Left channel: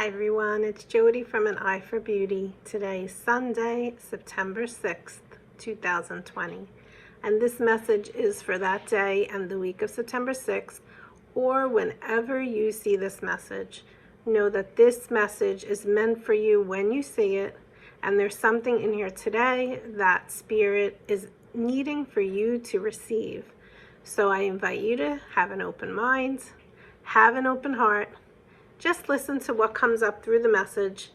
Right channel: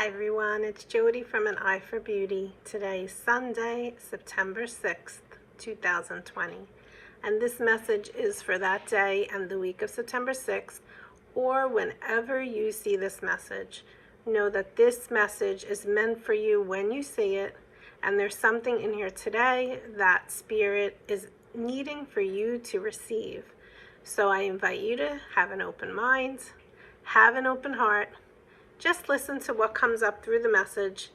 Hi everyone, it's Jody from An Eye for Beauty. Today is Sunday, September 6th, 2020. And this message is for that day and the week of September 6th, or whenever you see this message. Know that this message is meant for you when you see it, and there's something in here today that Spirit is needing for you to receive. So I invite you to have an open mind, have an open heart. Just listen to what comes up through the message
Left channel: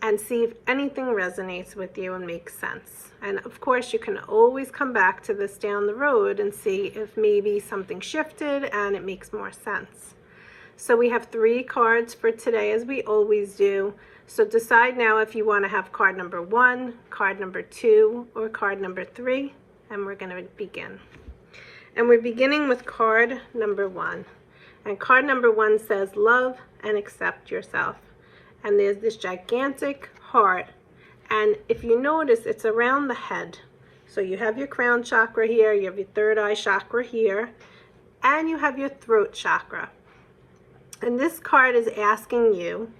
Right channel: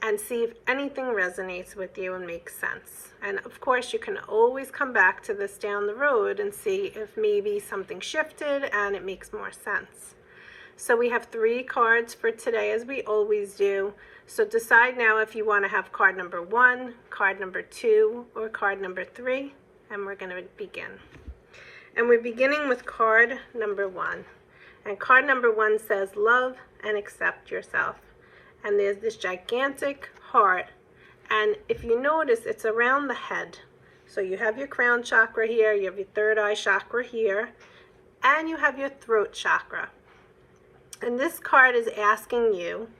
and see if anything resonates with you and makes sense. And of course, you can always come back to this down the road and see if maybe something shifted and it makes more sense. So we have 3 cards for today, as we always do. So decide now if you want to have card number 1, card number 2, or card number 3, and we're going to begin. And we're beginning with card number 1. And card number 1 says, love and accept yourself. And there's this gigantic heart. And if you notice, it's around the head. So you have your crown chakra here, you have your third eye chakra here, and you have your throat chakra. And this card is asking you,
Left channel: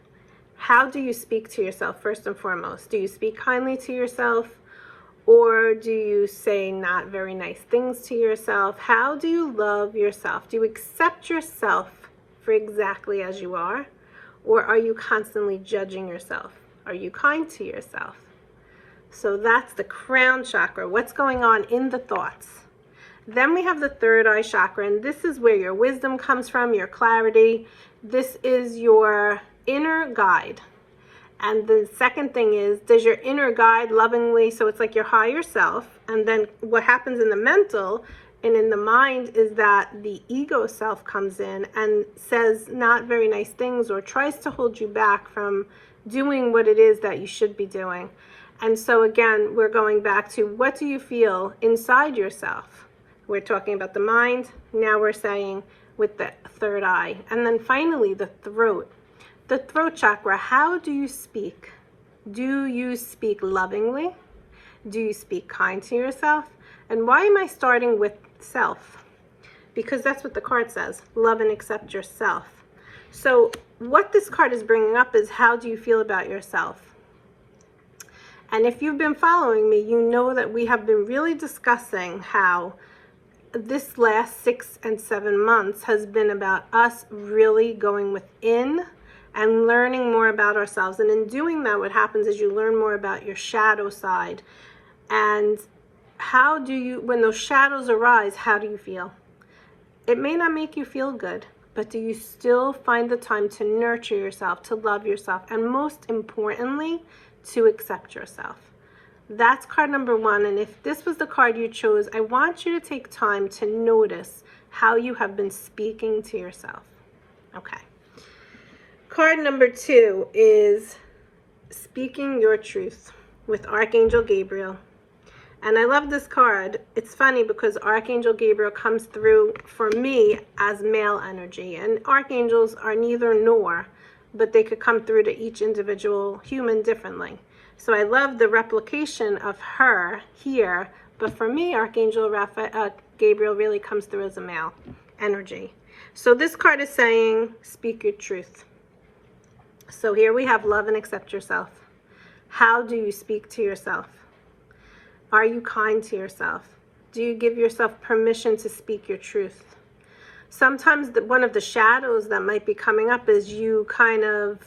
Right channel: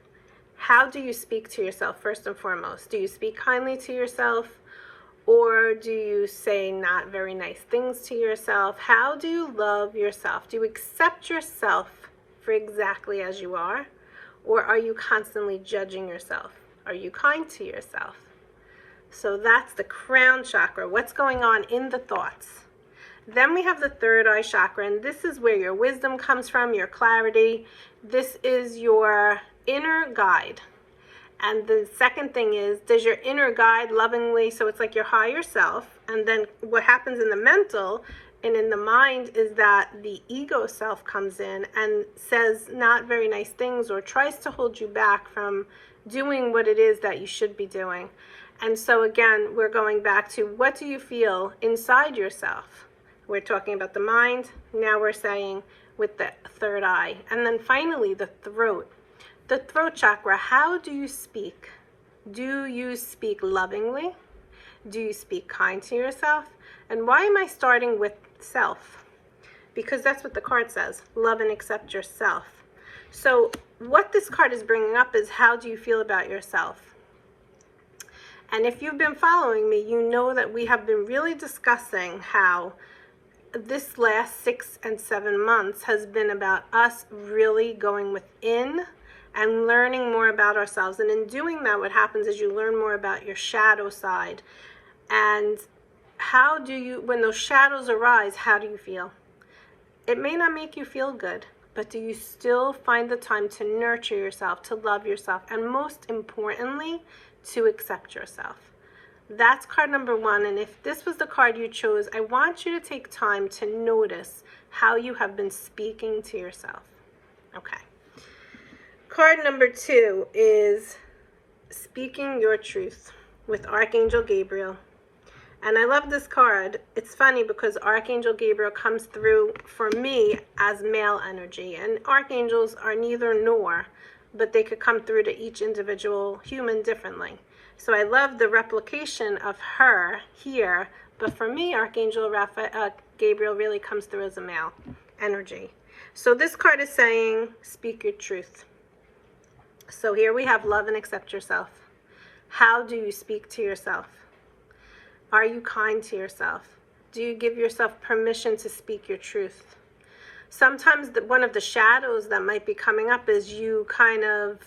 how do you speak to yourself first and foremost? Do you speak kindly to yourself? Or do you say not very nice things to yourself? How do you love yourself? Do you accept yourself for exactly as you are? Or are you constantly judging yourself? Are you kind to yourself? So that's the crown chakra. What's going on in the thoughts? Then we have the third eye chakra, and this is where your wisdom comes from, your clarity. This is your inner guide. And the second thing is, does your inner guide lovingly, so it's like your higher self, and then what happens in the mental and in the mind is that the ego self comes in and says not very nice things or tries to hold you back from doing what it is that you should be doing. And so again, we're going back to, what do you feel inside yourself? We're talking about the mind. Now we're saying with the third eye. And then finally, the throat. The throat chakra, how do you speak? Do you speak lovingly? Do you speak kind to yourself? And why am I starting with self? Because that's what the card says, love and accept yourself. So what this card is bringing up is, how do you feel about yourself? And if you've been following me, you know that we have been really discussing how this last 6 and 7 months has been about us really going within and learning more about ourselves. And in doing that, what happens is you learn more about your shadow side. And how do you, when those shadows arise, how do you feel? It may not make you feel good, but do you still find the time to nurture yourself, to love yourself, and most importantly, to accept yourself? That's card number 1. And if this was the card you chose, I want you to take time to notice how you have been speaking to yourself. Okay. Card number 2 is speaking your truth with Archangel Gabriel. And I love this card. It's funny because Archangel Gabriel comes through for me as male energy. And archangels are neither nor, but they could come through to each individual human differently. So I love the replication of her here. But for me, Archangel Gabriel really comes through as a male energy. So this card is saying, speak your truth. So here we have love and accept yourself. How do you speak to yourself? Are you kind to yourself? Do you give yourself permission to speak your truth? Sometimes one of the shadows that might be coming up is you kind of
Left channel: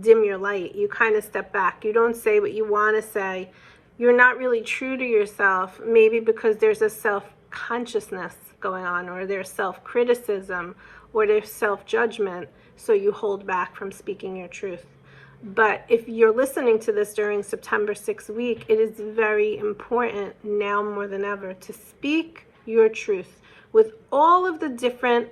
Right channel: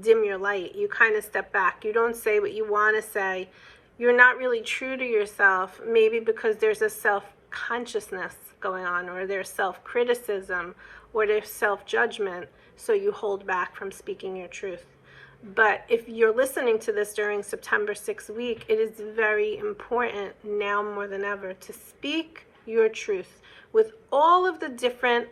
dim your light. You kind of step back. You don't say what you want to say. You're not really true to yourself, maybe because there's a self-consciousness going on, or there's self-criticism, or there's self-judgment. So you hold back from speaking your truth. But if you're listening to this during September 6th week, it is very important now more than ever to speak your truth with all of the different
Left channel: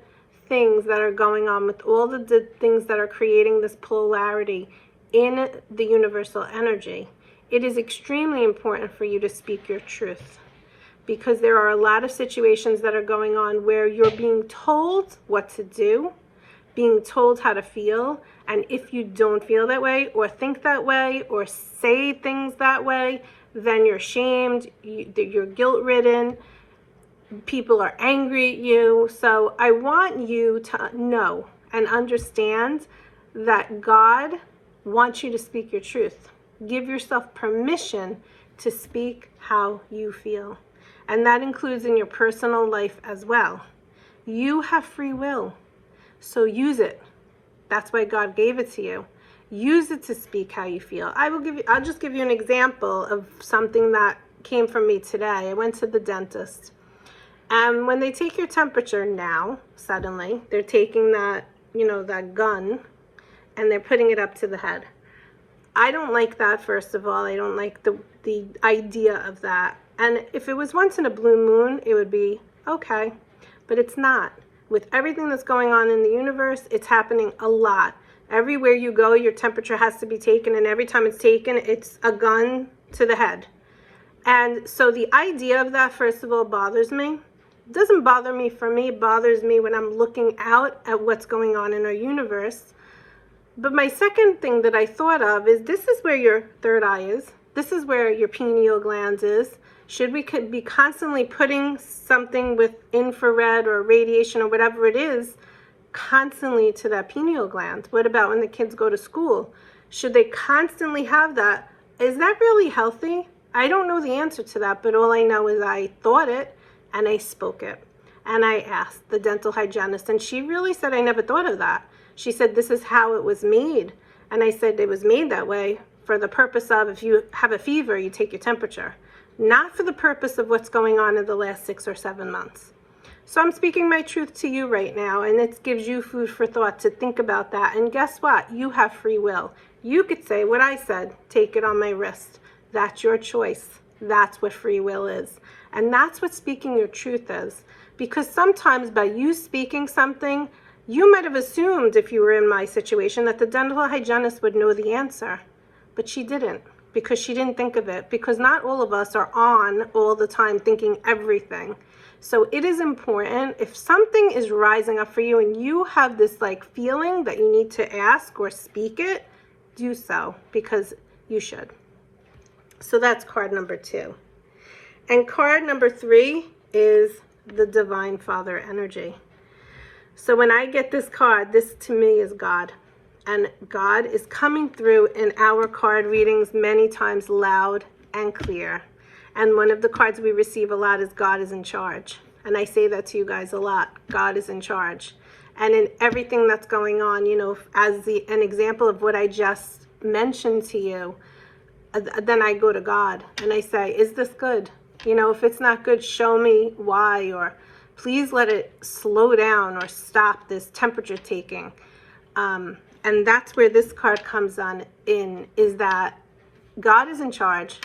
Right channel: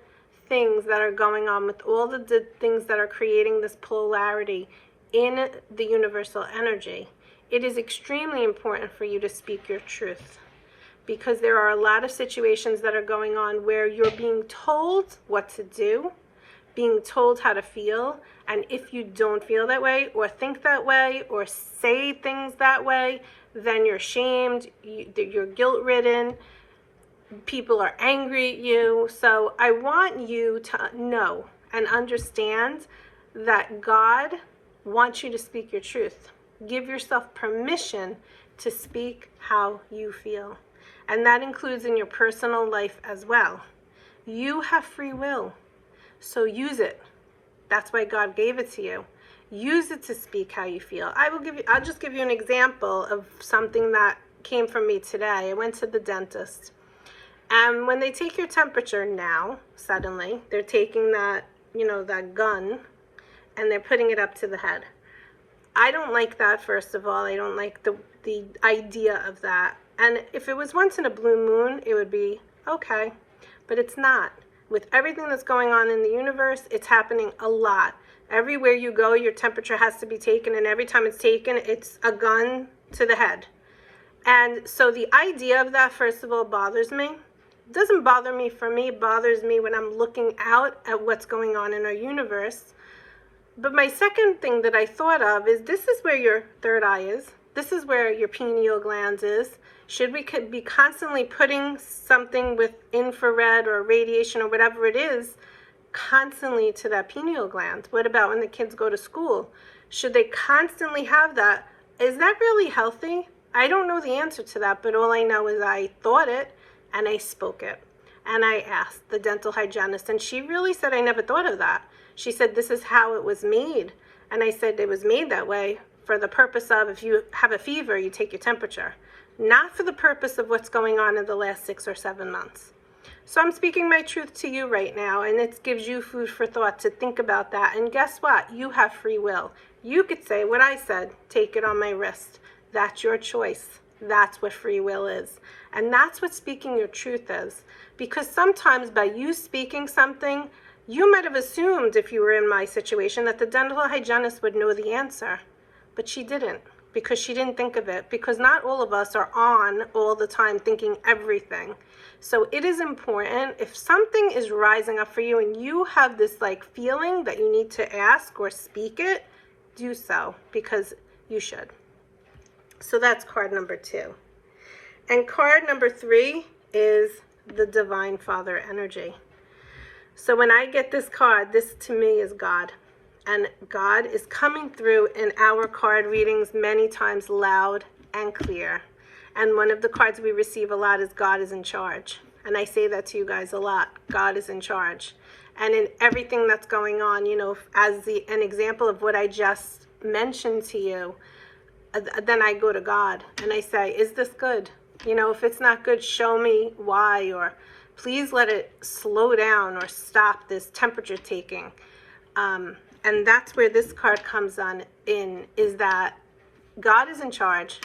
things that are going on, with all the things that are creating this polarity in the universal energy. It is extremely important for you to speak your truth, because there are a lot of situations that are going on where you're being told what to do, being told how to feel, and if you don't feel that way or think that way or say things that way, then you're shamed, you're guilt-ridden, people are angry at you. So I want you to know and understand that God wants you to speak your truth. Give yourself permission to speak how you feel. And that includes in your personal life as well. You have free will, so use it. That's why God gave it to you. Use it to speak how you feel. I'll just give you an example of something that came from me today. I went to the dentist. And when they take your temperature now, suddenly, they're taking that, that gun, and they're putting it up to the head. I don't like that, first of all. I don't like the idea of that. And if it was once in a blue moon, it would be okay. But it's not. With everything that's going on in the universe, it's happening a lot. Everywhere you go, your temperature has to be taken, and every time it's taken, it's a gun to the head. And so the idea of that, first of all, bothers me. It doesn't bother me for me. It bothers me when I'm looking out at what's going on in our universe. But my second thing that I thought of is, this is where your third eye is. This is where your pineal gland is. Should we be constantly putting something with infrared or radiation or whatever it is constantly to that pineal gland? What about when the kids go to school? Should they constantly have that? Is that really healthy? I don't know the answer to that, but all I know is I thought it and I spoke it. And I asked the dental hygienist, and she really said, I never thought of that. She said, this is how it was made. And I said, it was made that way for the purpose of, if you have a fever, you take your temperature. Not for the purpose of what's going on in the last 6 or 7 months. So I'm speaking my truth to you right now, and it gives you food for thought to think about that. And guess what? You have free will. You could say what I said, take it on my wrist. That's your choice. That's what free will is. And that's what speaking your truth is. Because sometimes by you speaking something, you might have assumed, if you were in my situation, that the dental hygienist would know the answer. But she didn't, because she didn't think of it. Because not all of us are on all the time thinking everything. So it is important, if something is rising up for you and you have this feeling that you need to ask or speak it, do so, because you should. So that's card number 2. And card number 3 is the Divine Father energy. So when I get this card, this to me is God. And God is coming through in our card readings many times loud and clear. And one of the cards we receive a lot is God is in charge. And I say that to you guys a lot. God is in charge. And in everything that's going on, as an example of what I just mentioned to you, then I go to God and I say, is this good? If it's not good, show me why, or please let it slow down or stop this temperature taking. And that's where this card comes in, is that God is in charge.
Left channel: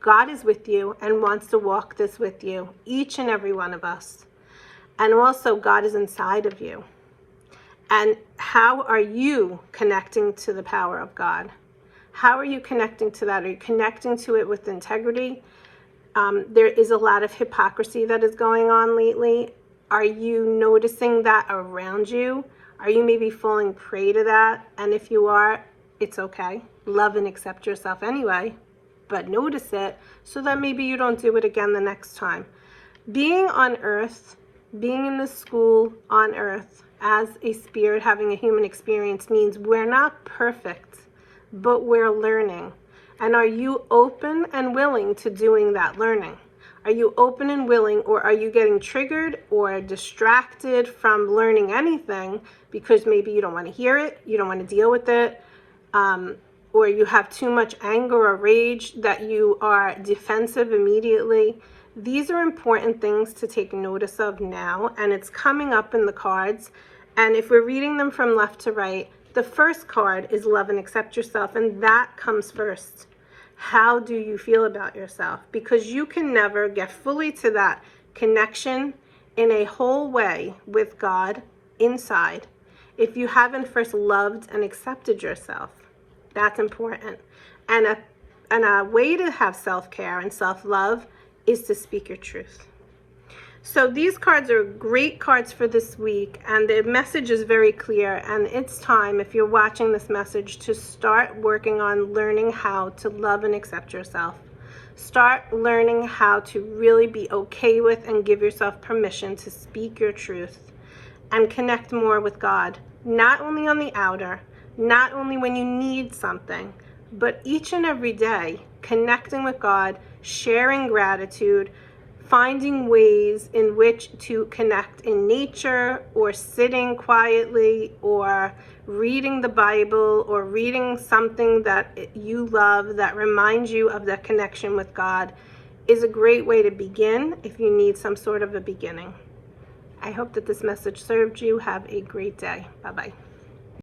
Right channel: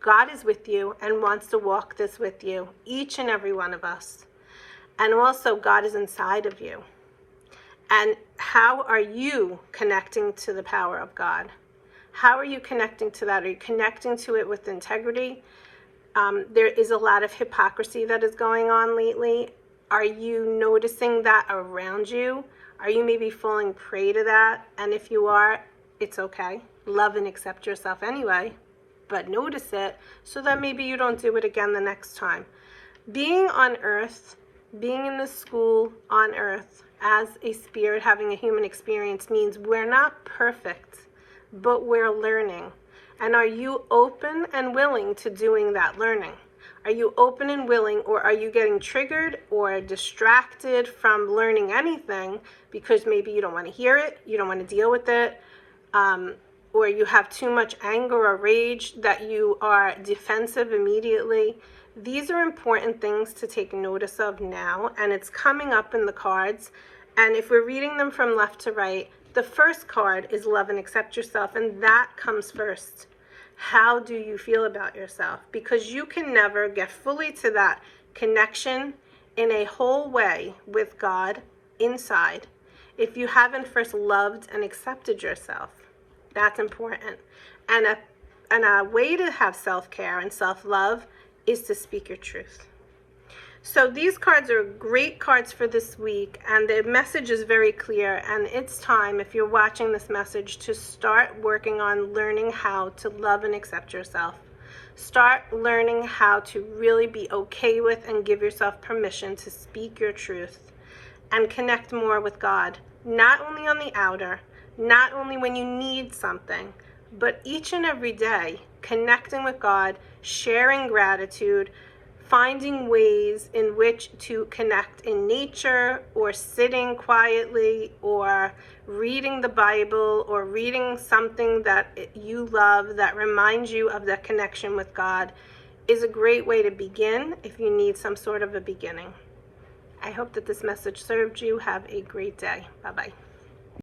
God is with you and wants to walk this with you, each and every one of us. And also God is inside of you. And how are you connecting to the power of God? How are you connecting to that? Are you connecting to it with integrity? There is a lot of hypocrisy that is going on lately. Are you noticing that around you? Are you maybe falling prey to that? And if you are, it's okay. Love and accept yourself anyway, but notice it so that maybe you don't do it again the next time. Being on earth, being in this school on earth as a spirit having a human experience means we're not perfect, but we're learning. And are you open and willing to doing that learning? Are you open and willing, or are you getting triggered or distracted from learning anything because maybe you don't want to hear it, you don't want to deal with it, or you have too much anger or rage that you are defensive immediately? These are important things to take notice of now, and it's coming up in the cards. And if we're reading them from left to right, the first card is love and accept yourself, and that comes first. How do you feel about yourself? Because you can never get fully to that connection in a whole way with God inside if you haven't first loved and accepted yourself. That's important. And a way to have self-care and self-love is to speak your truth. So these cards are great cards for this week, and the message is very clear, and it's time, if you're watching this message, to start working on learning how to love and accept yourself. Start learning how to really be okay with and give yourself permission to speak your truth and connect more with God, not only on the outer, not only when you need something, but each and every day, connecting with God, sharing gratitude, finding ways in which to connect in nature, or sitting quietly, or reading the Bible, or reading something that you love that reminds you of that connection with God, is a great way to begin if you need some sort of a beginning. I hope that this message served you. Have a great day. Bye-bye.